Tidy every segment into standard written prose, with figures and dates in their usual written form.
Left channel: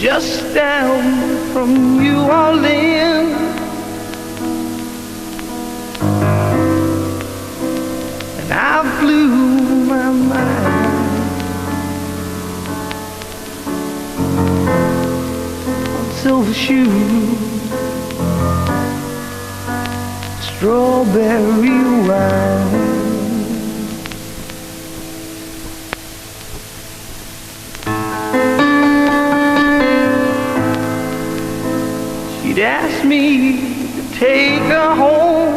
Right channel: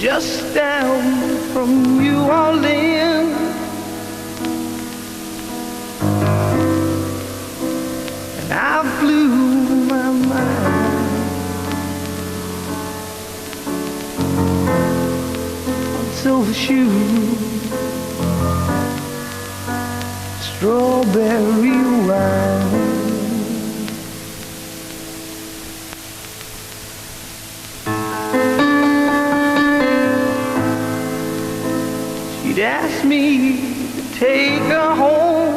just down from New Orleans. And I blew my mind on silver shoes, strawberry wine. She'd asked me to take her home,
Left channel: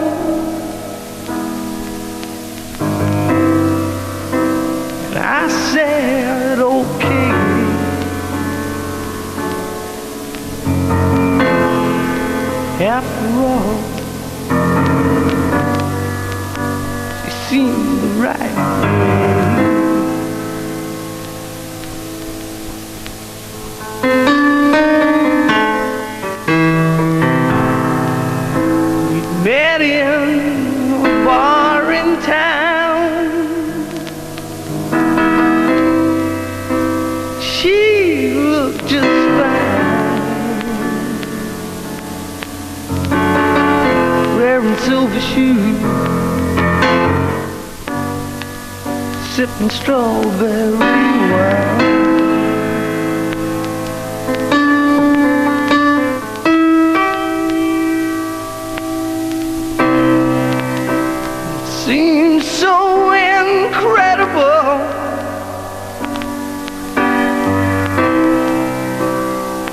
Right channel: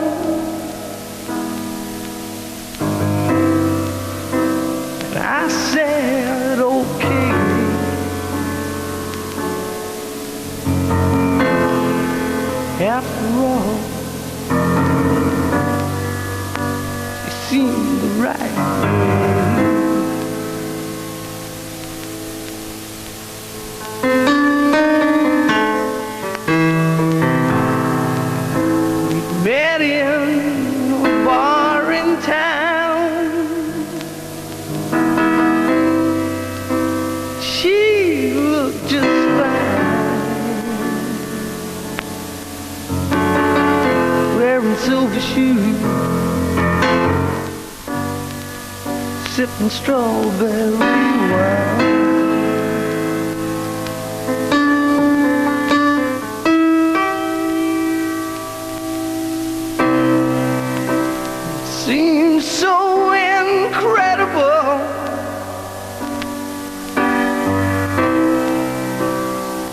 and I said okay. After all, it seemed the right way. Met in a bar in town. She looked just fine, wearing silver shoes, sipping strawberry wine. Seems so incredible,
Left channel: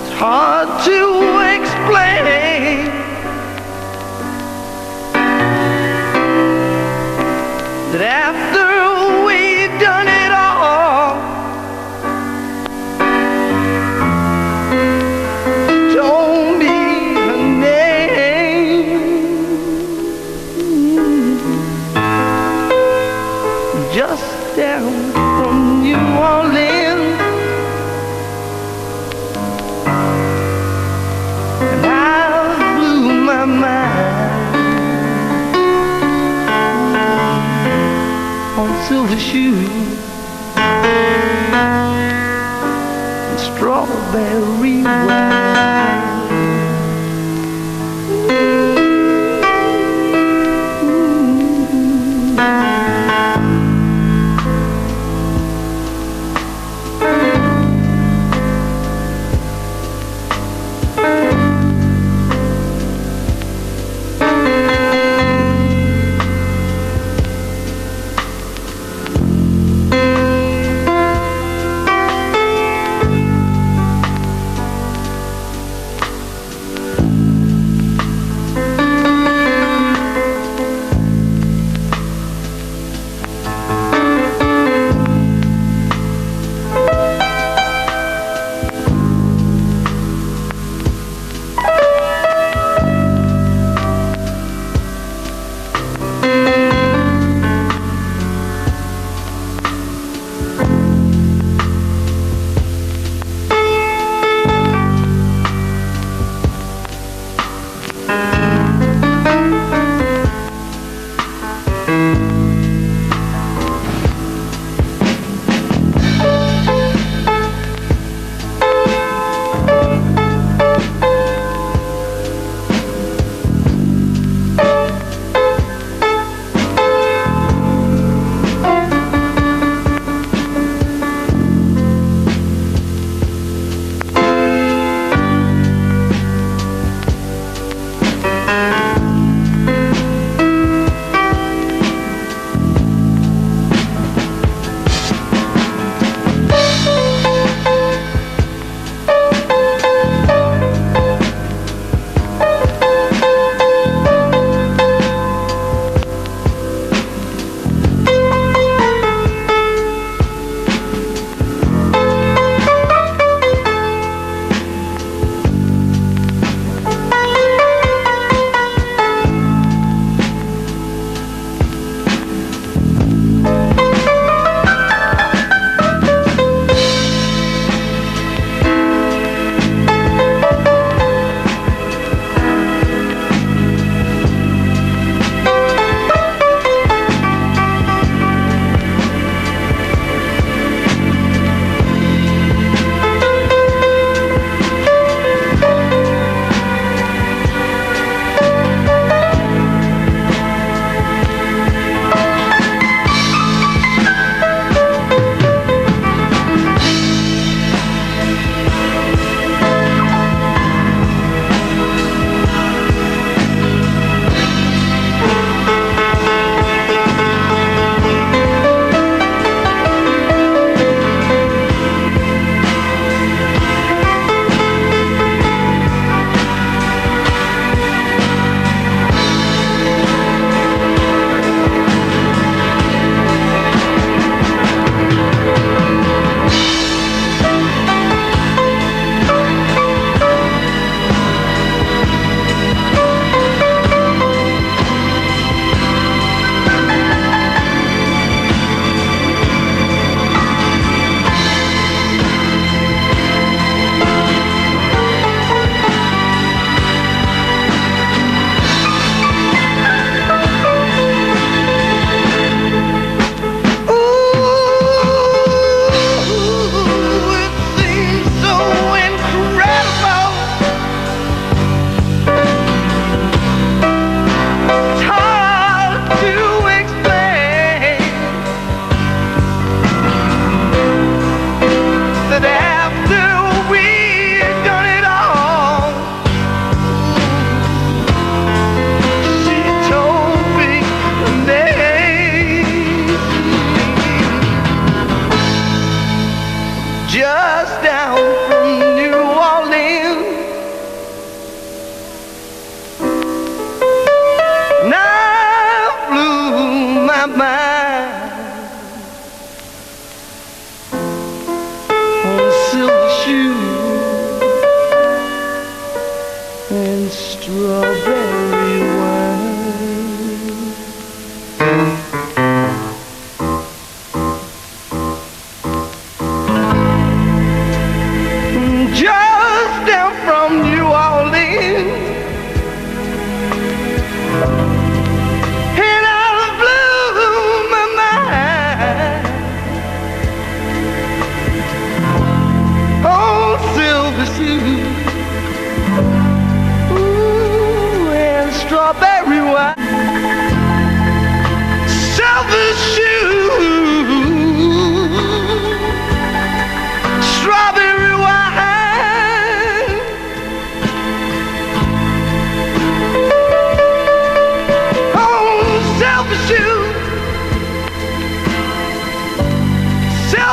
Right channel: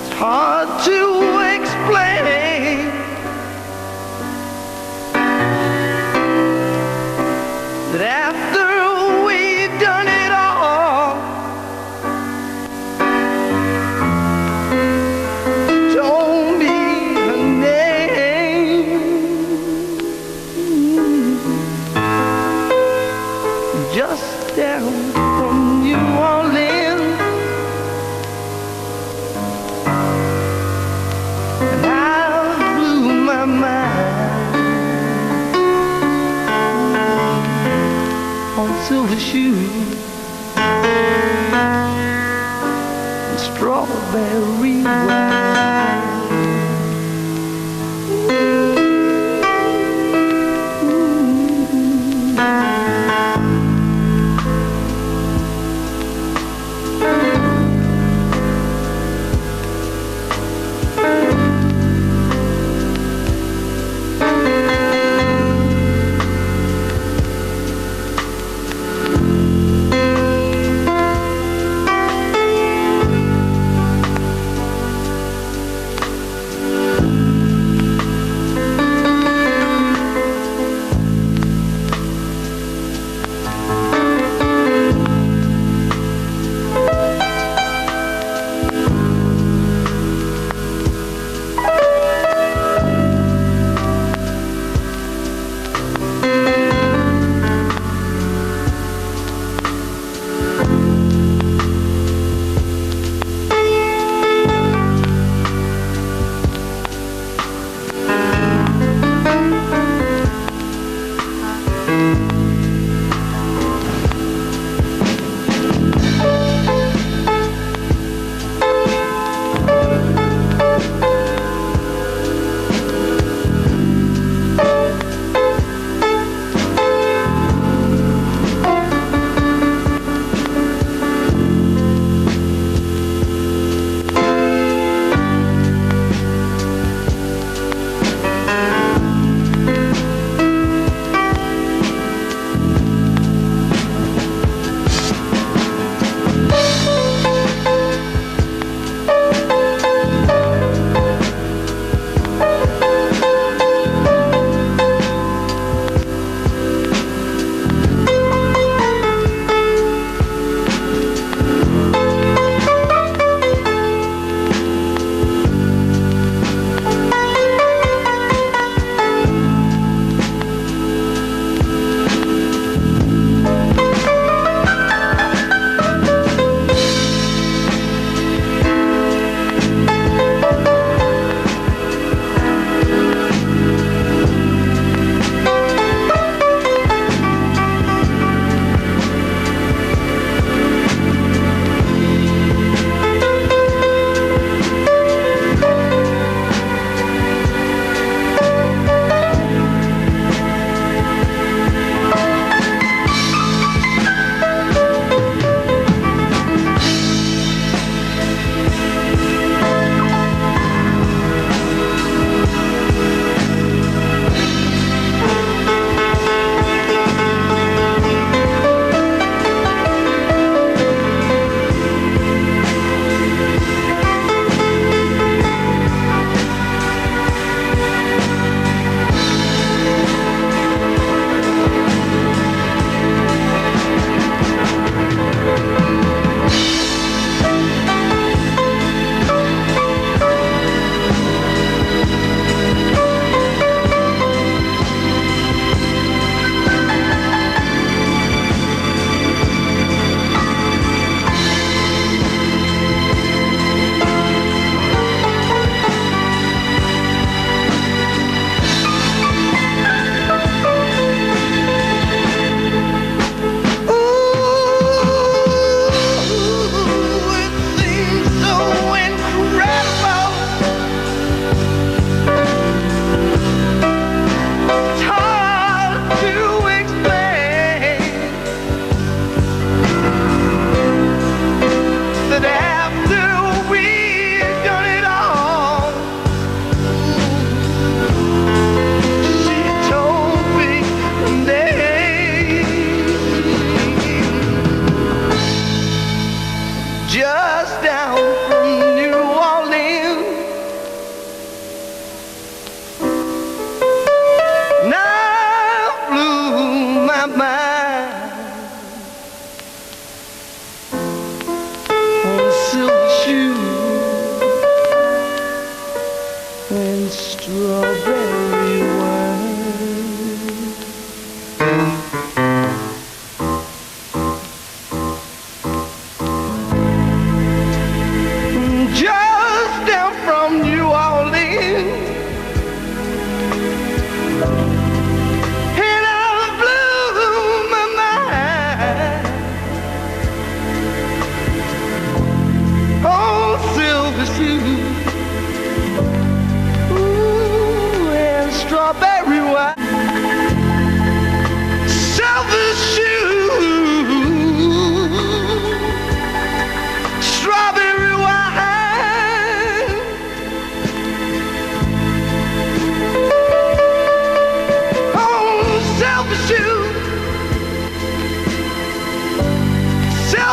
it's hard to explain that after we've done it all, told me her name, just down from New Orleans. And I blew my mind on silver shoes and strawberry wine.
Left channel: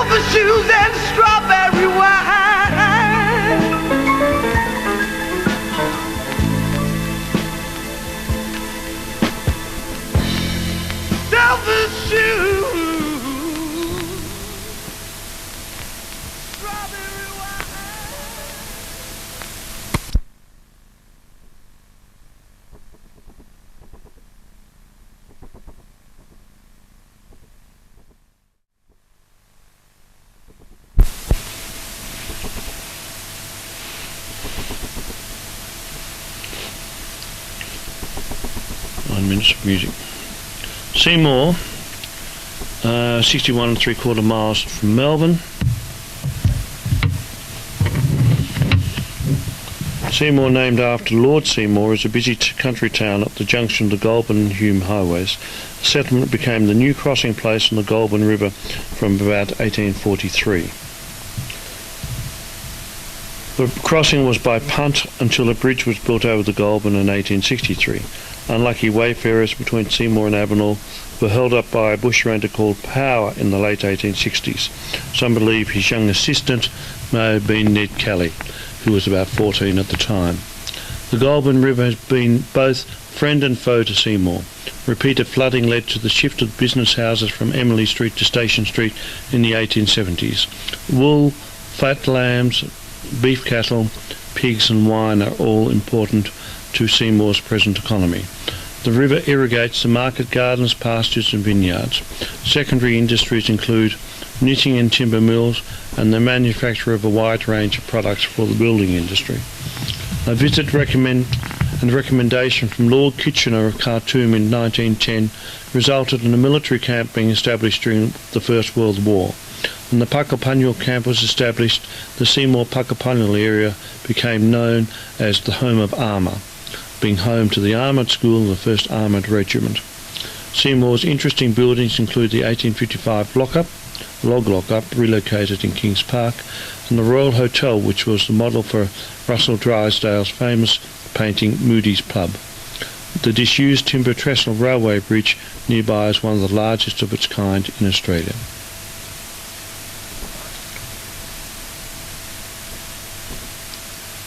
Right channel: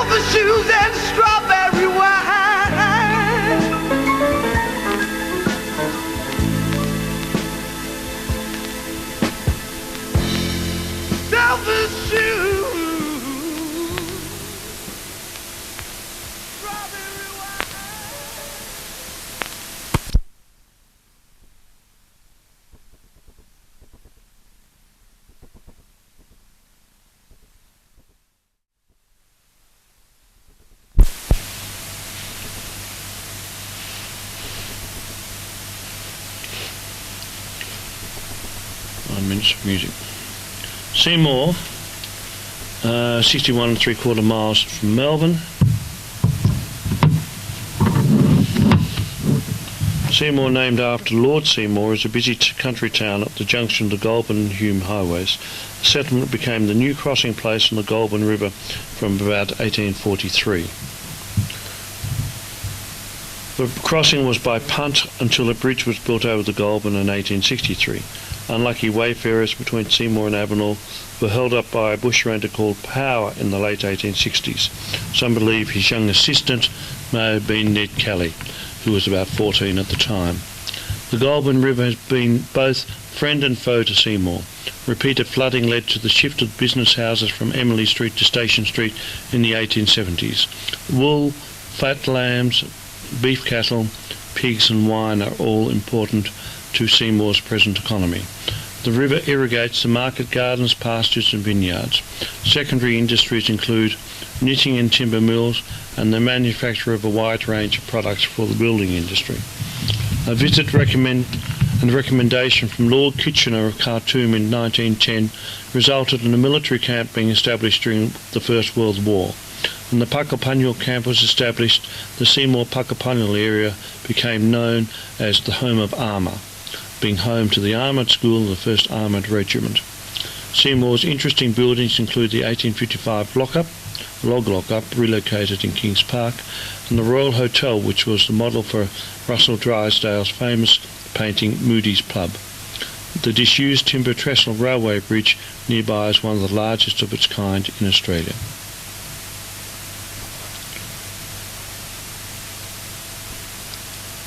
silver shoes and strawberry wine. Silver shoes, strawberry wine. Music. Seymour, 61 3/4 miles from Melbourne. Seymour, named after Lord Seymour, is a busy country town at the junction of the Goulburn and Hume highways. The settlement became the new crossing place on the Goulburn River from about 1843. The crossing was by punt until a bridge was built over the Goulburn in 1863. Unlucky wayfarers between Seymour and Avenel were held up by a bushranger called Power in the late 1860s. Some believe his young assistant may have been Ned Kelly, who was about 14 at the time. The Goulburn River has been both friend and foe to Seymour. Repeated flooding led to the shift of business houses from Emily Street to Station Street in the 1870s. Wool, fat lambs, beef cattle, pigs and wine are all important to Seymour's present economy. The river irrigates the market gardens, pastures and vineyards. Secondary industries include knitting and timber mills and the manufacture of a wide range of products for the building industry. A visit recommendation from Lord Kitchener of Khartoum in 1910 resulted in a military camp being established during the First World War. When the Puckapunyal camp was established, the Seymour Puckapunyal area became known as the Home of Armour, being home to the Armoured School and the 1st Armoured Regiment. Seymour's interesting buildings include the 1855 log lockup, relocated in Kings Park, and the Royal Hotel, which was the model for Russell Drysdale's famous painting Moody's Pub. The disused timber trestle railway bridge nearby is one of the largest of its kind in Australia.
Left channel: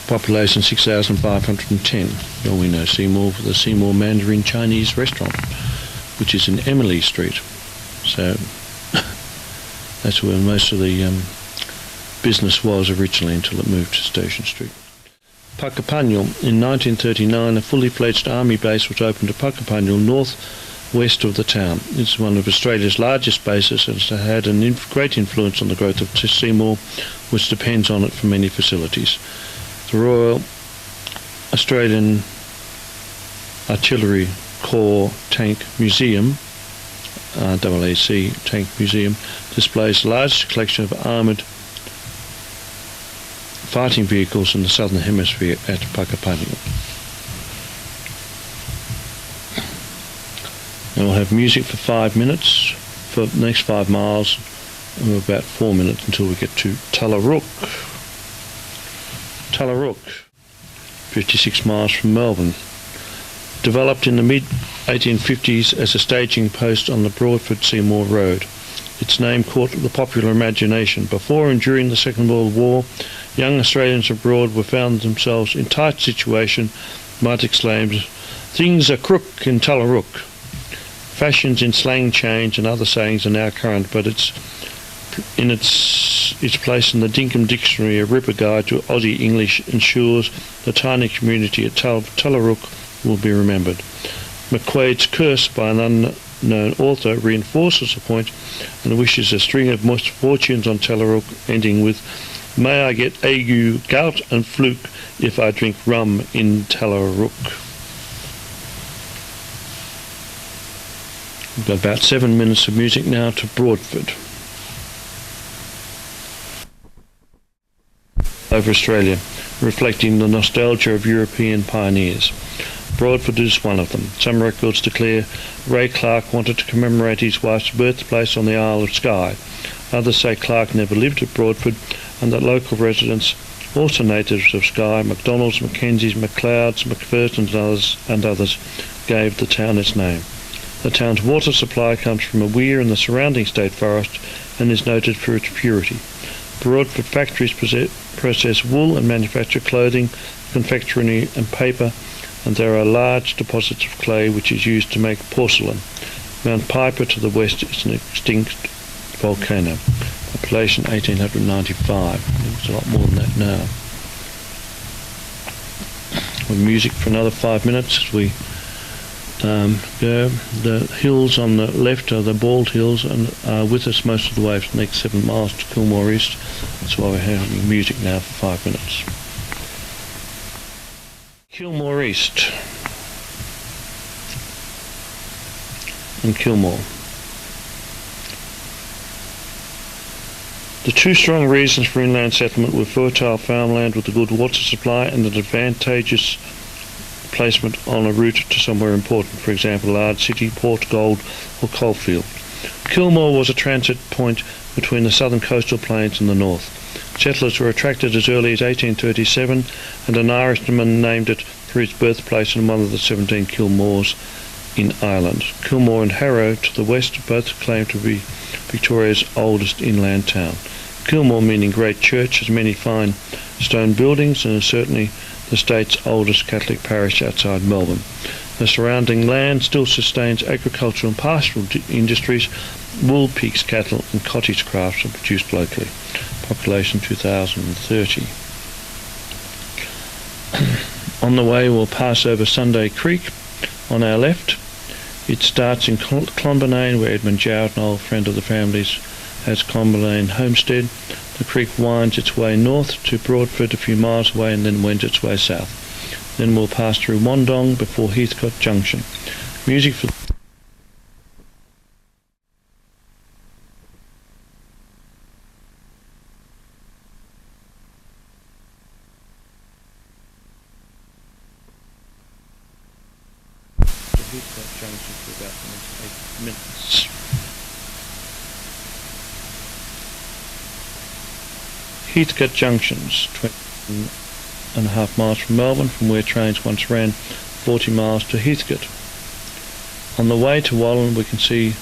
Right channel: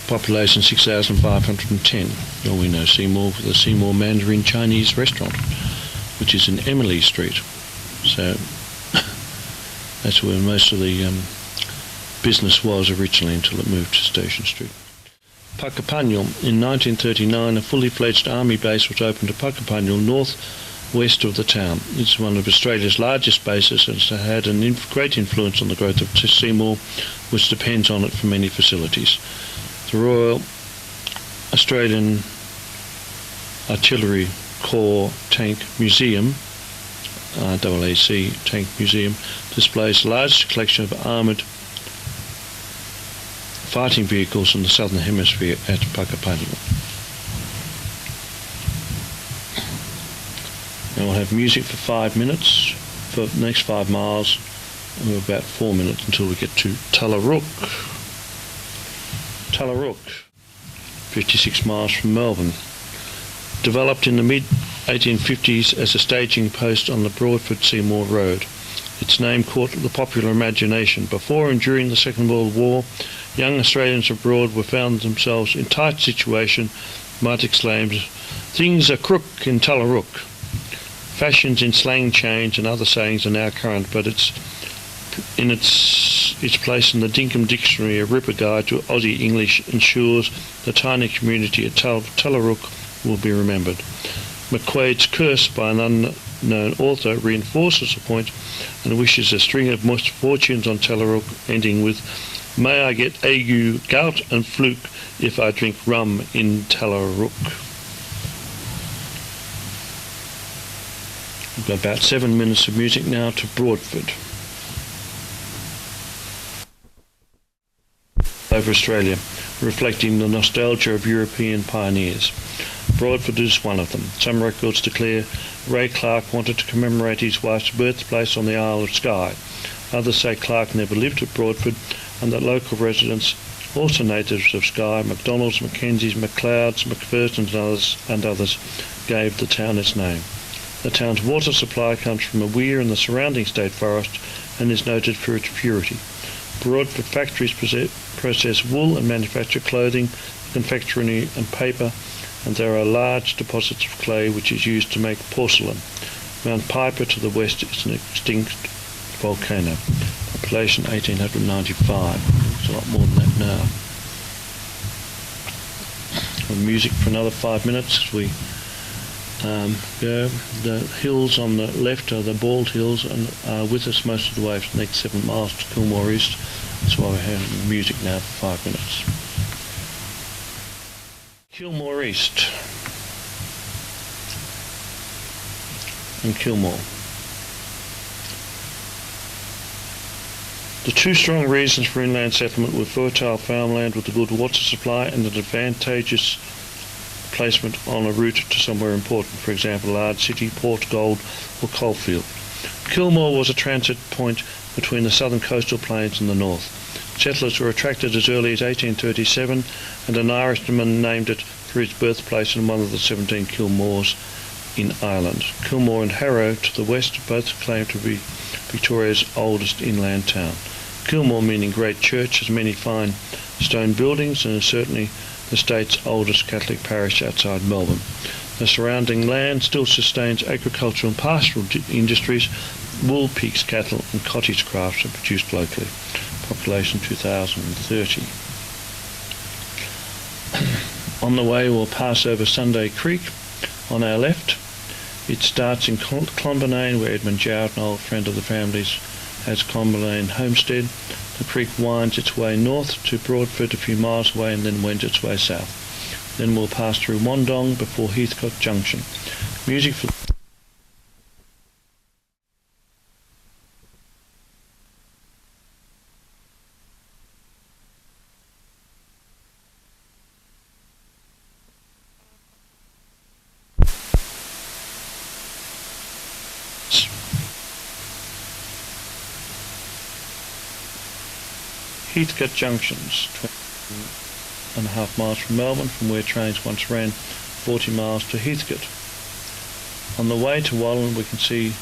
Population 6,510. Well, we know Seymour for the Seymour Mandarin Chinese restaurant, which is in Emily Street. So that's where most of the business was originally until it moved to Station Street. Puckapunyal. In 1939, a fully fledged army base was opened at Puckapunyal, north-west of the town. It's one of Australia's largest bases and has had a great influence on the growth of Seymour, which depends on it for many facilities. The Royal Australian Artillery Corps Tank Museum, RAAC Tank Museum, displays the largest collection of armoured fighting vehicles in the Southern Hemisphere at Puckapunyal. Now we'll have music for 5 minutes for the next 5 miles, and we're about 4 minutes until we get to Tallarook. Tallarook, 56 miles from Melbourne. Developed in the mid-1850s as a staging post on the Broadford Seymour Road. Its name caught the popular imagination. Before and during the Second World War, young Australians abroad were found themselves in tight situation, might exclaim, "Things are crook in Tallarook." Fashions in slang change and other sayings are now current, but its place in the Dinkum Dictionary, a ripper guide to Aussie English, ensures the tiny community at Tallarook will be remembered. McQuaid's Curse by an unknown author reinforces the point and wishes a string of misfortunes on Tallarook, ending with, "May I get ague, gout and fluke if I drink rum in Tallarook." We've got about 7 minutes of music now to Broadford. Over Australia, reflecting the nostalgia of European pioneers. Broadford is one of them. Some records declare Ray Clark wanted to commemorate his wife's birthplace on the Isle of Skye. Others say Clark never lived at Broadford and that local residents, also natives of Skye, McDonalds, Mackenzies, McLeods, McPhersons and others, gave the town its name. The town's water supply comes from a weir in the surrounding state forest and is noted for its purity. Broadford factories process wool and manufacture clothing, confectionery and paper, and there are large deposits of clay which is used to make porcelain. Mount Piper to the west is an extinct volcano. Population 1895. There's a lot more than that now. With music for another 5 minutes as we go. The hills on the left are the Bald Hills and are with us most of the way for the next 7 miles to Kilmore East. That's why we're having music now for 5 minutes. Kilmore East and Kilmore. The two strong reasons for inland settlement were fertile farmland with a good water supply and an advantageous placement on a route to somewhere important, for example, a large city, port, gold or coalfield. Kilmore was a transit point between the southern coastal plains and the north. Settlers were attracted as early as 1837 and an Irishman named it for his birthplace in one of the 17 Kilmores in Ireland. Kilmore and Harrow to the west both claim to be Victoria's oldest inland town. Kilmore, meaning great church, has many fine stone buildings and is certainly the state's oldest Catholic parish outside Melbourne. The surrounding land still sustains agricultural and pastoral industries. Wool, pigs, cattle and cottage crafts are produced locally. Population 2030. On the way we'll pass over Sunday Creek on our left. It starts in Clonbinane, where Edmund Jowett, an old friend of the family's, has Clonbinane homestead. The creek winds its way north to Broadford a few miles away and then wends its way south. Then we'll pass through Wandong before Heathcote Junction. Music for Heathcote Junction for about the next 8 minutes. Heathcote Junctions, 20.5 miles from Melbourne, from where trains once ran 40 miles to Heathcote. On the way to Wallan we can see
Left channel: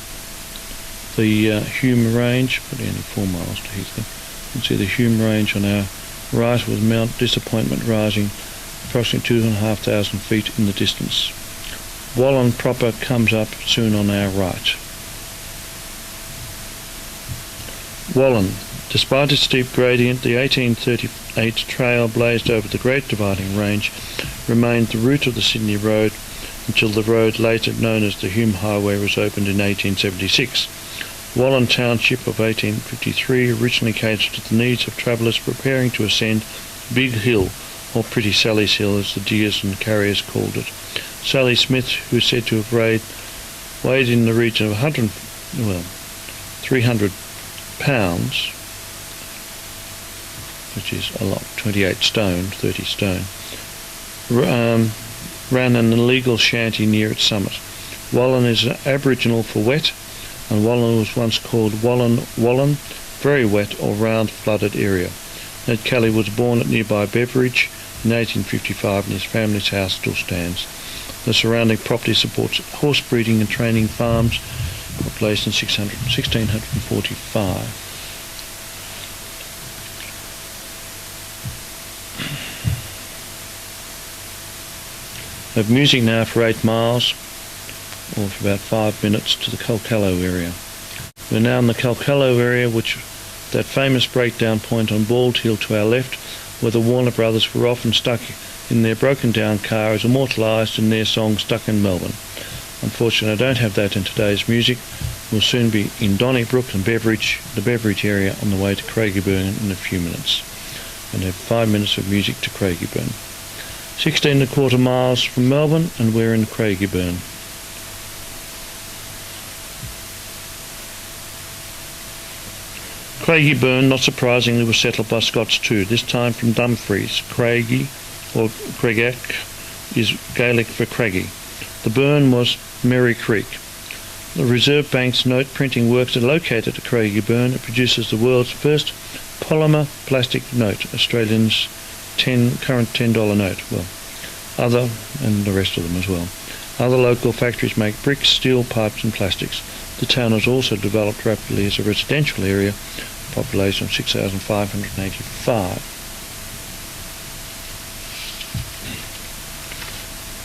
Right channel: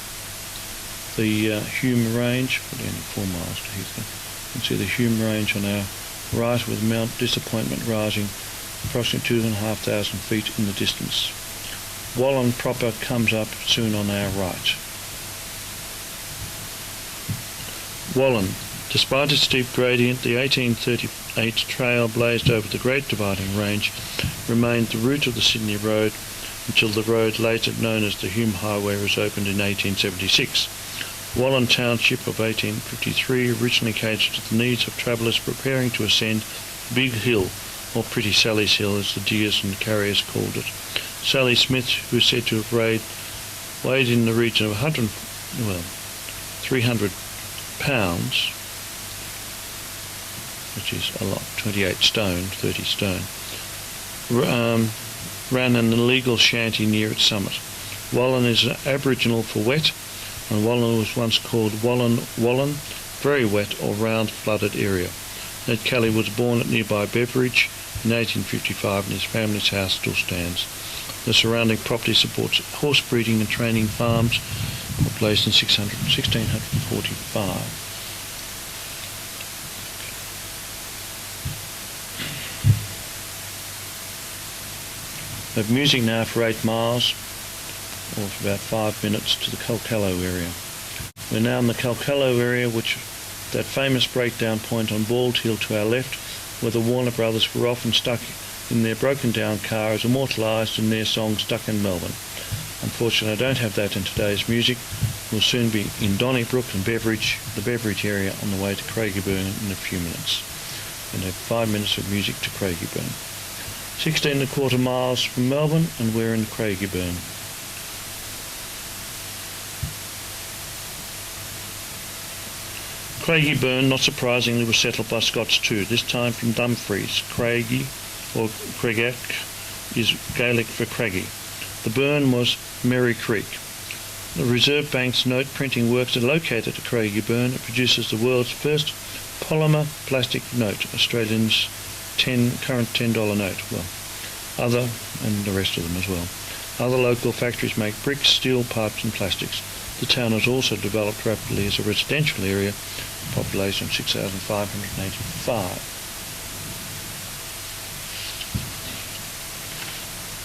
the Hume Range, probably only 4 miles to Heathcote. You can see the Hume Range on our right with Mount Disappointment rising approximately 2,500 feet in the distance. Wallan proper comes up soon on our right. Wallan. Despite its steep gradient, the 1838 trail blazed over the Great Dividing Range remained the route of the Sydney Road until the road later known as the Hume Highway was opened in 1876. Wallan Township of 1853 originally catered to the needs of travellers preparing to ascend Big Hill, or Pretty Sally's Hill as the diggers and carriers called it. Sally Smith, who is said to have weighed in the region of 300 pounds, which is a lot, 28 stone, 30 stone, ran an illegal shanty near its summit. Wallan is an Aboriginal for wet, and Wallan was once called Wallan, very wet or round flooded area. Ned Kelly was born at nearby Beveridge in 1855 and his family's house still stands. The surrounding property supports horse breeding and training farms, placed in 1645. We have music now for 8 miles, or for about 5 minutes, to the Kalkallo area. We're now in the Kalkallo area, which that famous breakdown point on Bald Hill to our left, where the Warner brothers were often stuck in their broken down car, is immortalised in their song Stuck in Melbourne. Unfortunately, I don't have that in today's music. We'll soon be in Donnybrook and Beveridge, the Beveridge area, on the way to Craigieburn in a few minutes. And have 5 minutes of music to Craigieburn. 16.25 miles from Melbourne, and we're in Craigieburn. Craigieburn, not surprisingly, was settled by Scots too, this time from Dumfries. Craigie, or Craigach, is Gaelic for Craigie. The burn was Merry Creek. The Reserve Bank's note printing works are located at Craigieburn. It produces the world's first polymer plastic note, Australians' current $10 note, and the rest of them as well. Other local factories make bricks, steel, pipes and plastics. The town has also developed rapidly as a residential area, population of 6,585.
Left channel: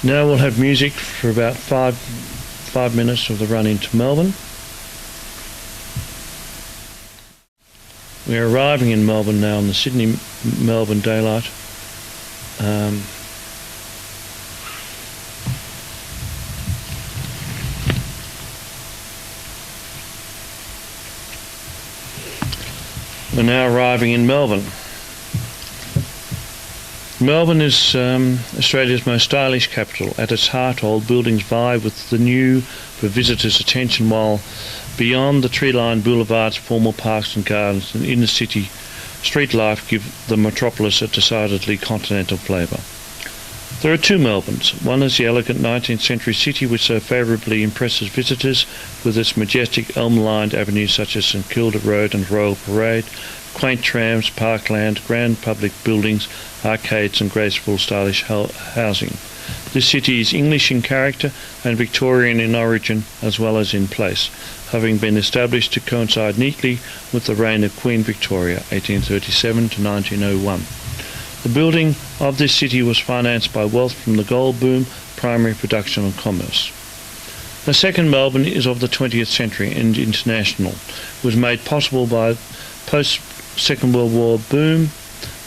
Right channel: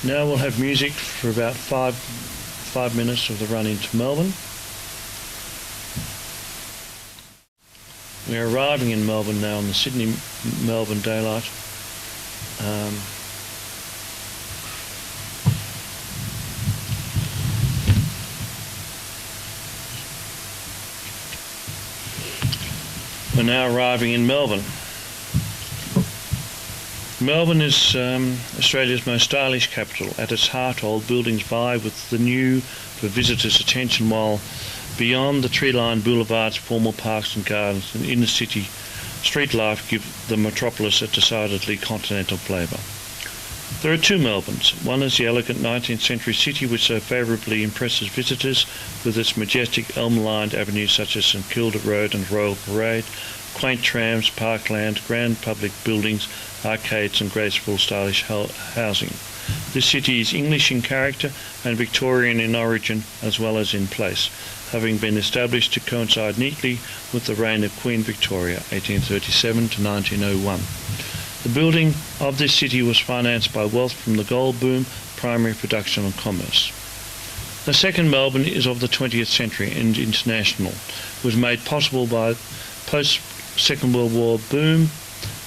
Now we'll have music for about five minutes of the run into Melbourne. We are arriving in Melbourne now on the Sydney-Melbourne daylight. We're now arriving in Melbourne. Melbourne is Australia's most stylish capital. At its heart, old buildings vie with the new for visitors' attention, while beyond the tree-lined boulevards, formal parks and gardens and inner-city street life give the metropolis a decidedly continental flavour. There are two Melbournes. One is the elegant 19th century city which so favourably impresses visitors with its majestic elm-lined avenues such as St Kilda Road and Royal Parade, quaint trams, parkland, grand public buildings, arcades and graceful stylish housing. This city is English in character and Victorian in origin as well as in place, having been established to coincide neatly with the reign of Queen Victoria, 1837 to 1901. The building of this city was financed by wealth from the gold boom, primary production and commerce. The second Melbourne is of the 20th century and international. It was made possible by post-Second World War boom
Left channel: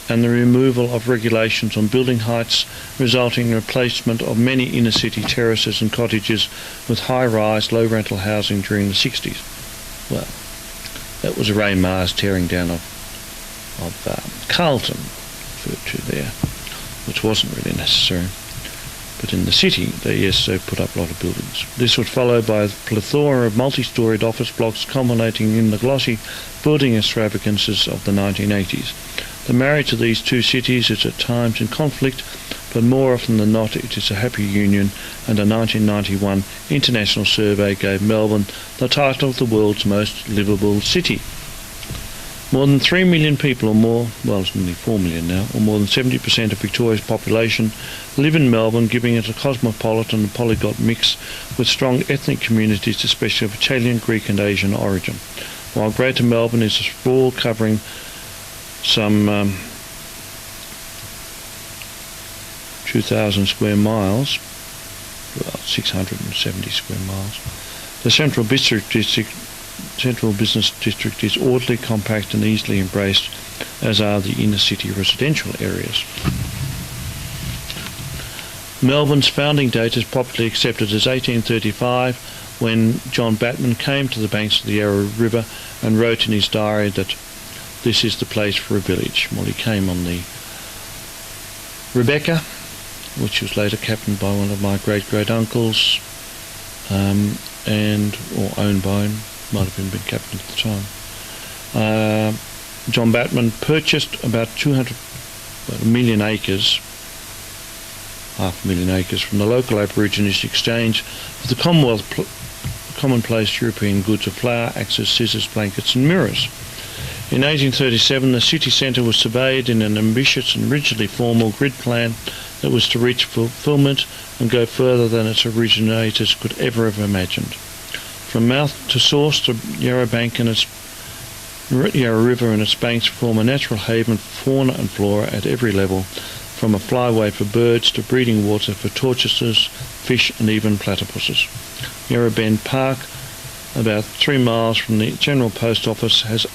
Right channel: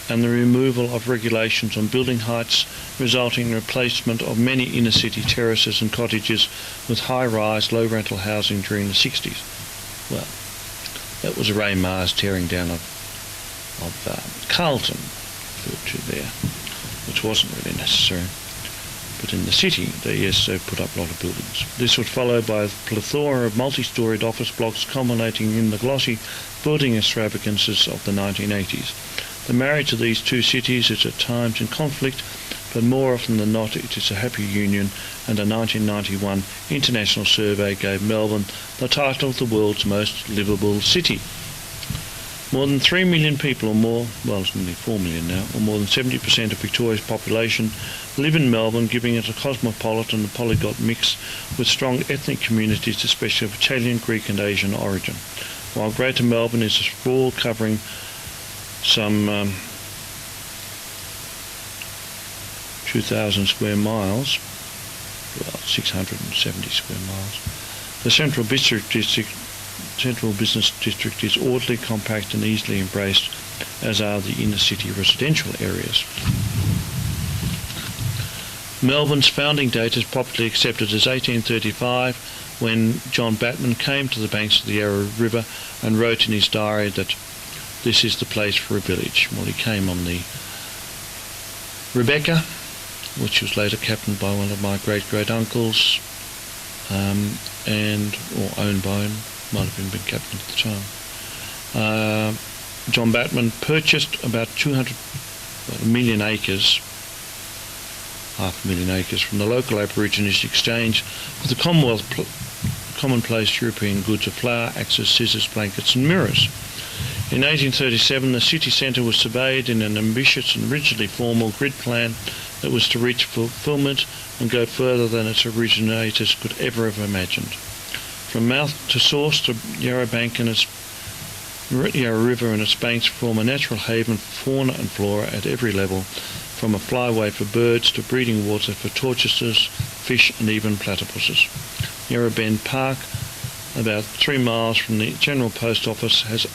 and the removal of regulations on building heights, resulting in replacement of many inner-city terraces and cottages with high-rise, low-rental housing during the 60s. Well, that was Ray Mars tearing down of Carlton, there, which wasn't really necessary. But in the city, they put up a lot of buildings. This was followed by a plethora of multi-storied office blocks culminating in the glossy building extravagances of the 1980s. The marriage of these two cities is at times in conflict, but more often than not it is a happy union, and a 1991 international survey gave Melbourne the title of the world's most livable city. More than 3 million people or more, well it's nearly 4 million now, or more than 70% of Victoria's population live in Melbourne, giving it a cosmopolitan and polyglot mix with strong ethnic communities, especially of Italian, Greek and Asian origin. While Greater Melbourne is sprawl covering some 2,000 square miles, well 670 square miles, the Central Business District is orderly, compact and easily embraced, as are the inner city residential areas. Melbourne's founding date is popularly accepted as 1835, when John Batman came to the banks of the Yarra River and wrote in his diary that this is the place for a village. Well, he came on the Rebecca, which was later captained by one of my great-great-uncles, or owned by him. Might have been a big captain at the time. John Batman purchased about 200,000 acres, half a million acres, from the local Aborigines exchange for the commonplace European goods of flour, axes, scissors, blankets and mirrors. In 1837 the city centre was surveyed in an ambitious and rigidly formal grid plan that was to reach fulfilment and go further than its originators could ever have imagined. From mouth to source, the Yarra River and its banks form a natural haven for fauna and flora at every level, from a flyway for birds to breeding water for tortoises, fish and even platypuses. Yarra Bend Park, about 3 miles from the General Post Office, has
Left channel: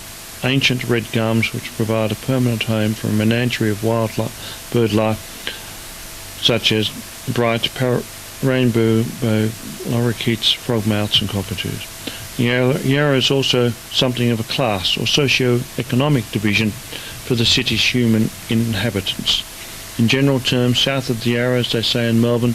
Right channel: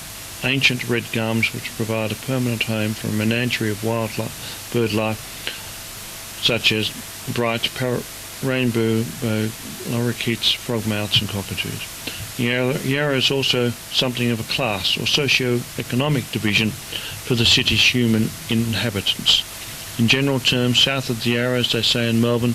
ancient red gums which provide a permanent home for a menagerie of bird life such as bright rainbow lorikeets, frogmouths and cockatoos. Yarra is also something of a class or socio-economic division for the city's human inhabitants. In general terms, south of the Yarra, as they say in Melbourne,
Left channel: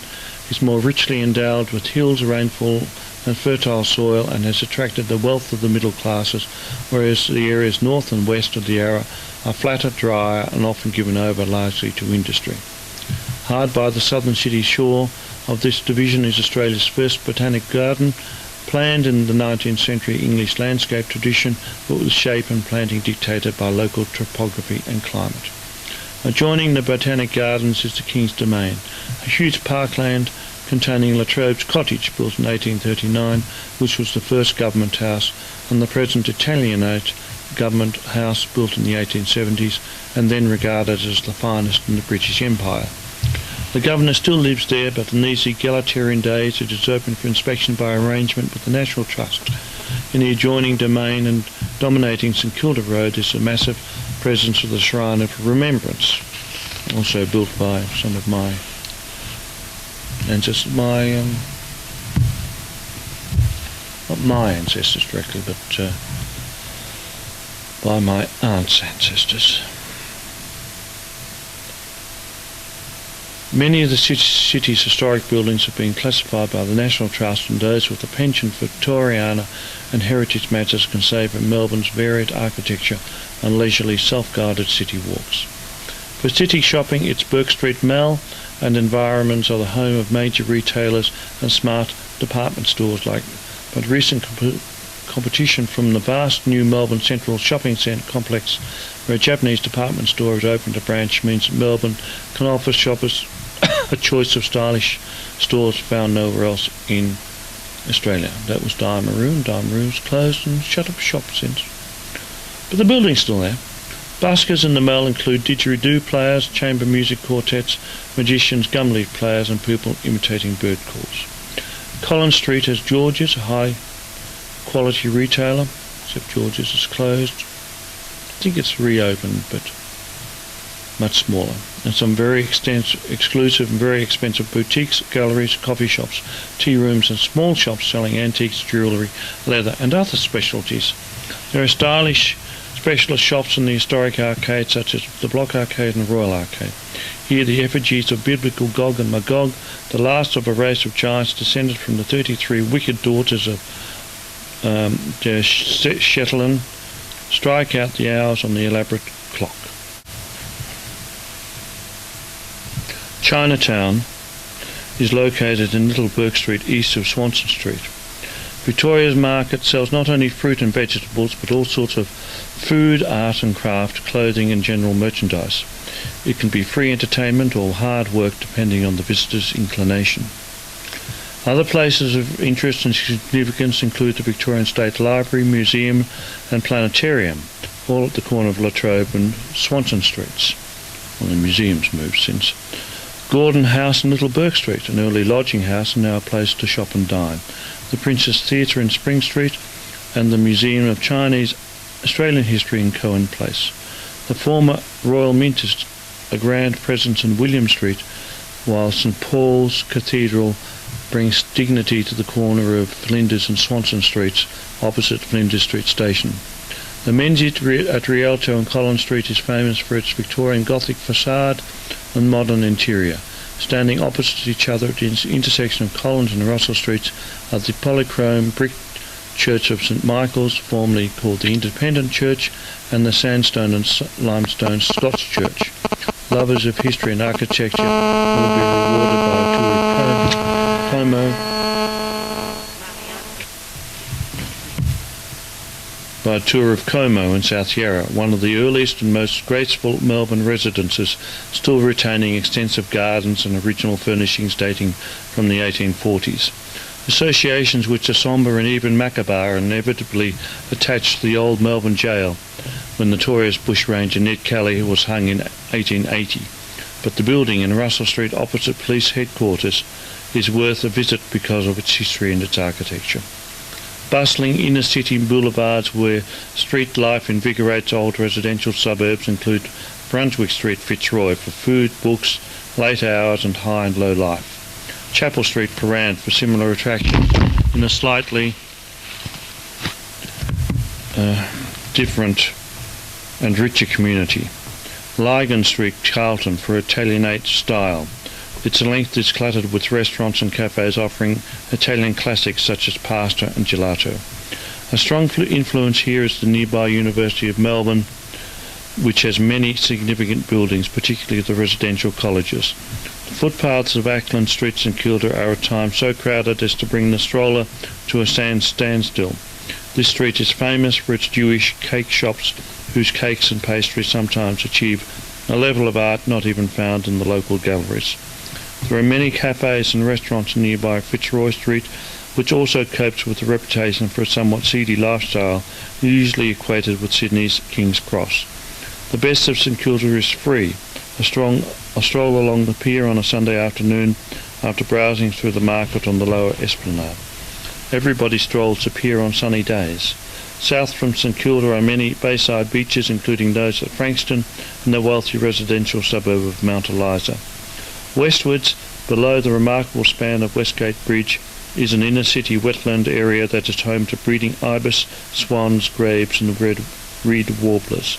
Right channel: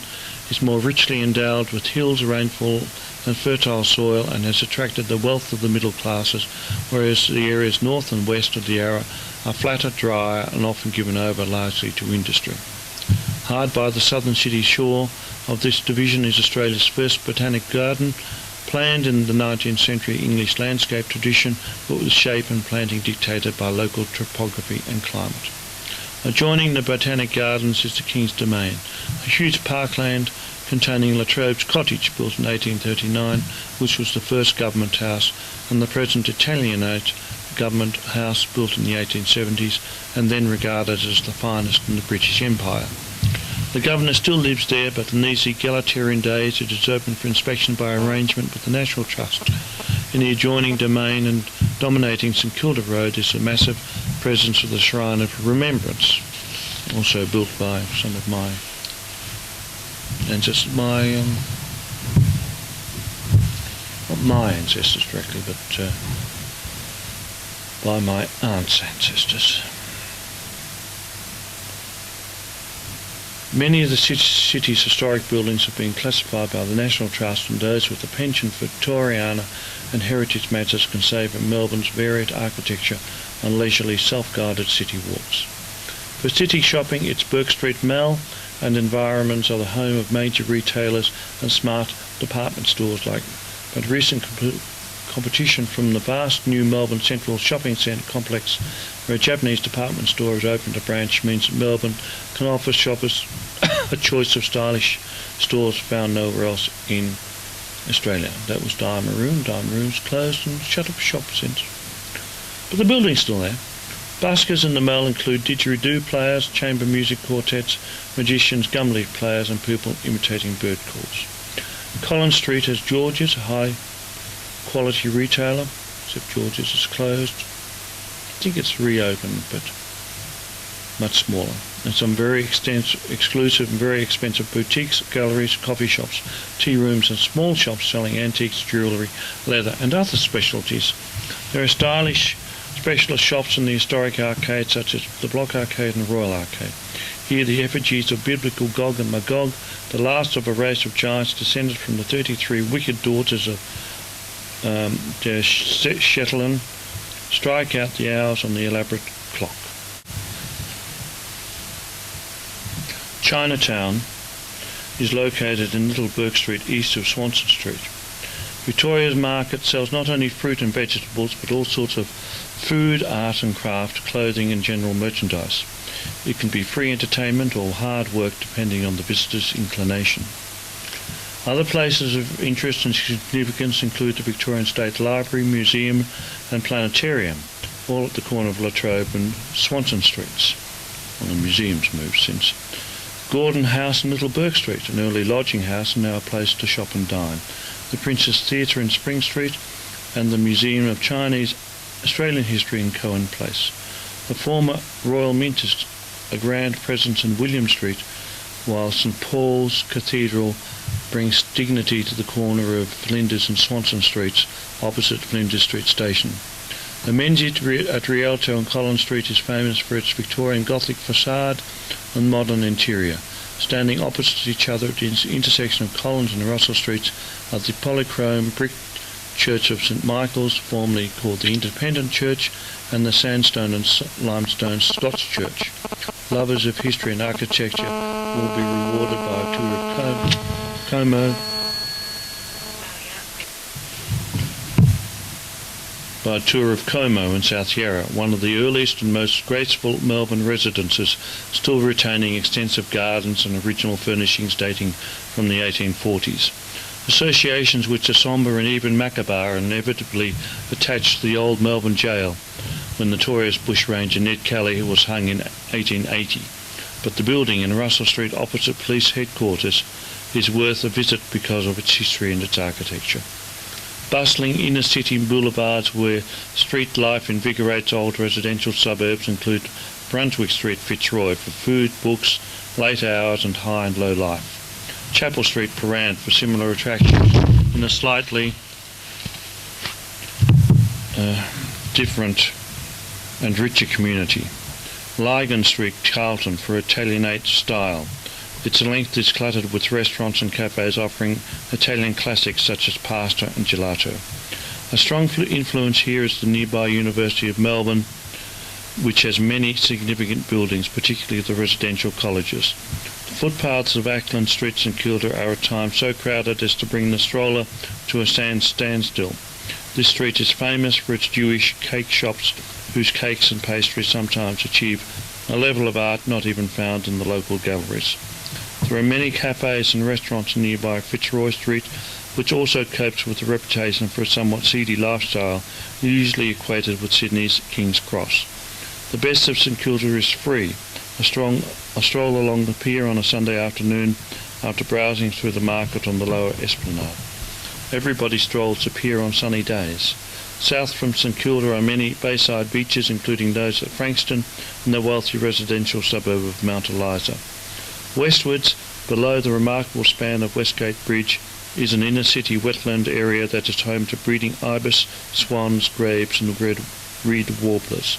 is more richly endowed with hills, rainfall and fertile soil, and has attracted the wealth of the middle classes, whereas the areas north and west of the Yarra are flatter, drier and often given over largely to industry. Hard by the southern city shore of this division is Australia's first botanic garden, planned in the 19th century English landscape tradition, but with shape and planting dictated by local topography and climate. Adjoining the botanic gardens is the King's Domain, a huge parkland containing Latrobe's cottage, built in 1839, which was the first government house, and the present Italianate government house built in the 1870s and then regarded as the finest in the British Empire. The governor still lives there, but in these egalitarian days it is open for inspection by arrangement with the National Trust. In the adjoining domain and dominating St Kilda Road is a massive presence of the Shrine of Remembrance, also built by some of my ancestors, not my ancestors directly, but by my aunt's ancestors. Many of the city's historic buildings have been classified by the National Trust, and those with a penchant for Victoriana and heritage matters can savour Melbourne's varied architecture and leisurely self-guided city walks. For city shopping, its Bourke Street Mall and environments are the home of major retailers and smart department stores but recent competition from the vast new Melbourne Central Shopping Centre complex, where a Japanese department store has opened a branch, means that Melbourne can offer shoppers a choice of stylish stores found nowhere else in Australia. That was Dye Maroon. Dye Maroon's closed and shut up shop since. But the building's still there. Buskers in the mall include didgeridoo players, chamber music quartets, magicians, gumleaf players and people imitating bird calls. Collins Street has George's, a high-quality retailer, except George's is closed. I think it's reopened, but much smaller. And some very exclusive and very expensive boutiques, galleries, coffee shops, tea rooms and small shops selling antiques, jewellery, leather and other specialties. There are stylish specialist shops in the historic arcade, such as the Block Arcade and Royal Arcade. Here the effigies of biblical Gog and Magog, the last of a race of giants descended from the 33 wicked daughters of Shetland, strike out the hours on the elaborate clock. Chinatown is located in Little Bourke Street, east of Swanston Street. Victoria's market sells not only fruit and vegetables, but all sorts of food, art and craft, clothing and general merchandise. It can be free entertainment or hard work depending on the visitor's inclination. Other places of interest and significance include the Victorian State Library, Museum and Planetarium, all at the corner of Latrobe and Swanston Streets. Well, the museum's moved since. Gordon House in Little Bourke Street, an early lodging house and now a place to shop and dine. The Princess Theatre in Spring Street and the Museum of Chinese Australian History in Cohen Place. The former Royal Mint is a grand presence in William Street, while St Paul's Cathedral brings dignity to the corner of Flinders and Swanston Streets, opposite Flinders Street Station. The Menzies at Rialto and Collins Street is famous for its Victorian Gothic facade and modern interior. Standing opposite each other at the intersection of Collins and Russell Streets are the polychrome brick Church of St Michael's, formerly called the Independent Church, and the sandstone and limestone Scots Church. Lovers of history and architecture will be rewarded by a tour of Como in South Yarra, one of the earliest and most graceful Melbourne residences, still retaining extensive gardens and original furnishings dating from the 1840s. Associations which are sombre and even macabre are inevitably attached to the old Melbourne jail, when notorious bushranger Ned Kelly was hung in 1880. But the building in Russell Street opposite police headquarters is worth a visit because of its history and its architecture. Bustling inner-city boulevards where street life invigorates old residential suburbs include Brunswick Street, Fitzroy, for food, books, late hours and high and low life. Chapel Street, Coran, for similar attractions in a slightly different and richer community. Lygon Street, Carlton, for Italianate style. Its length is cluttered with restaurants and cafes offering Italian classics such as pasta and gelato. A strong influence here is the nearby University of Melbourne, which has many significant buildings, particularly the residential colleges. The footpaths of Ackland streets in Kilda are at times so crowded as to bring the stroller to a standstill. This street is famous for its Jewish cake shops, whose cakes and pastries sometimes achieve a level of art not even found in the local galleries. There are many cafes and restaurants in nearby Fitzroy Street, which also copes with the reputation for a somewhat seedy lifestyle, usually equated with Sydney's King's Cross. The best of St Kilda is free. A stroll along the pier on a Sunday afternoon after browsing through the market on the lower esplanade. Everybody strolls the pier on sunny days. South from St Kilda are many bayside beaches, including those at Frankston and the wealthy residential suburb of Mount Eliza. Westwards, below the remarkable span of Westgate Bridge, is an inner-city wetland area that is home to breeding ibis, swans, grebes and reed warblers.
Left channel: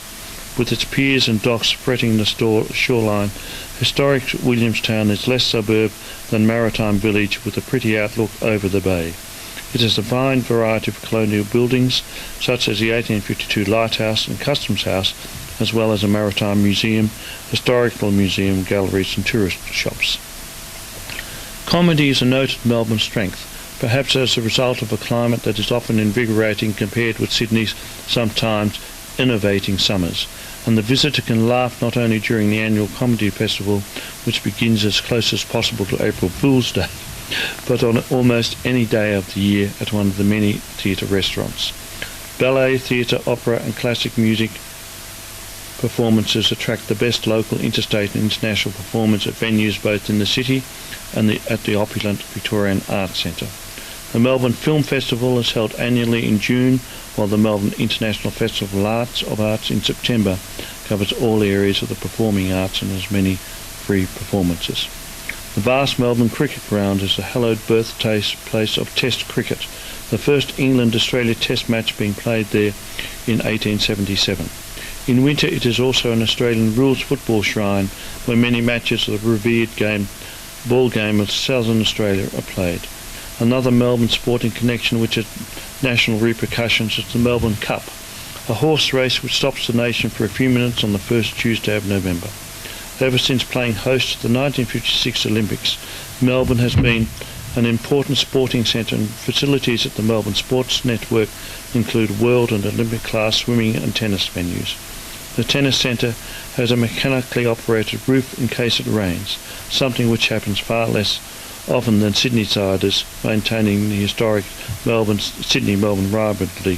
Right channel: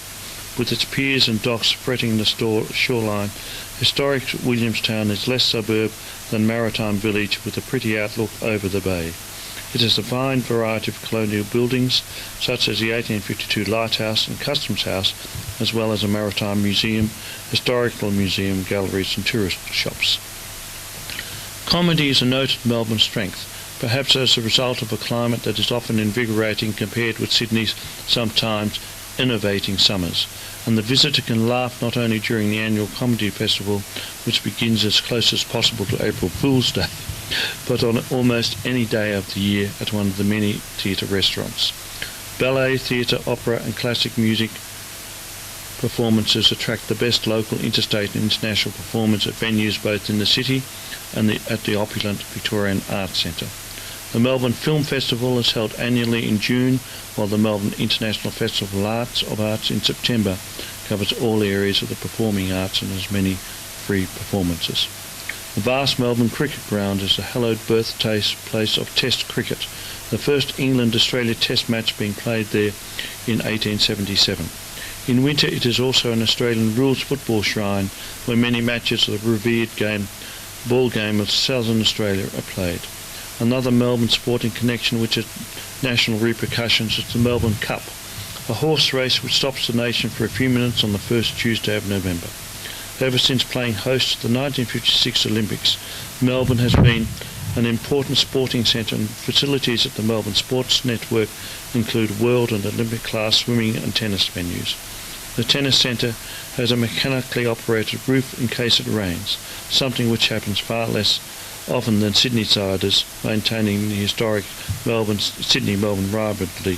With its piers and docks fretting the shoreline, historic Williamstown is less suburb than maritime village with a pretty outlook over the bay. It has a fine variety of colonial buildings, such as the 1852 Lighthouse and Customs House, as well as a maritime museum, historical museum, galleries and tourist shops. Comedy is a noted Melbourne strength, perhaps as a result of a climate that is often invigorating compared with Sydney's sometimes innovating summers, and the visitor can laugh not only during the annual comedy festival, which begins as close as possible to April Fool's Day, but on almost any day of the year at one of the many theatre restaurants. Ballet, theatre, opera and classic music performances attract the best local, interstate and international performers at venues both in the city and at the opulent Victorian Arts Centre. The Melbourne Film Festival is held annually in June, while the Melbourne International Festival of Arts in September covers all areas of the performing arts and has many free performances. The vast Melbourne Cricket Ground is the hallowed birthplace of Test cricket, the first England-Australia Test match being played there in 1877. In winter it is also an Australian rules football shrine where many matches of the revered ball game of Southern Australia are played. Another Melbourne sporting connection which has national repercussions is the Melbourne Cup, a horse race which stops the nation for a few minutes on the first Tuesday of November. Ever since playing host to the 1956 Olympics, Melbourne has been an important sporting centre, and facilities at the Melbourne Sports Network include world and Olympic class swimming and tennis venues. The tennis centre has a mechanically operated roof in case it rains, something which happens far less often than Sydney-siders maintaining the historic Sydney-Melbourne rivalry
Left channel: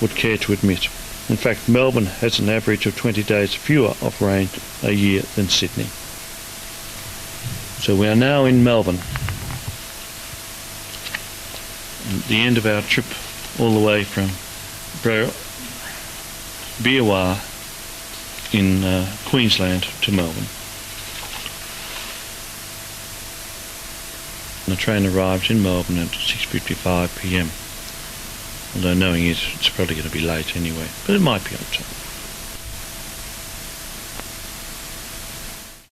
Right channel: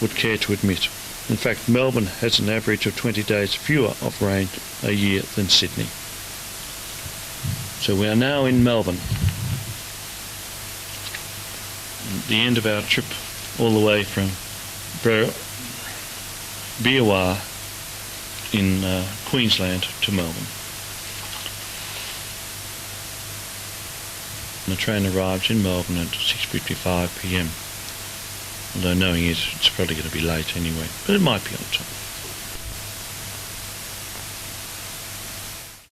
would care to admit. In fact, Melbourne has an average of 20 days fewer of rain a year than Sydney. So we are now in Melbourne. At the end of our trip all the way from Beerwah in Queensland to Melbourne. The train arrived in Melbourne at 6:55 p.m. Although knowing it's probably going to be late anyway, but it might be a little.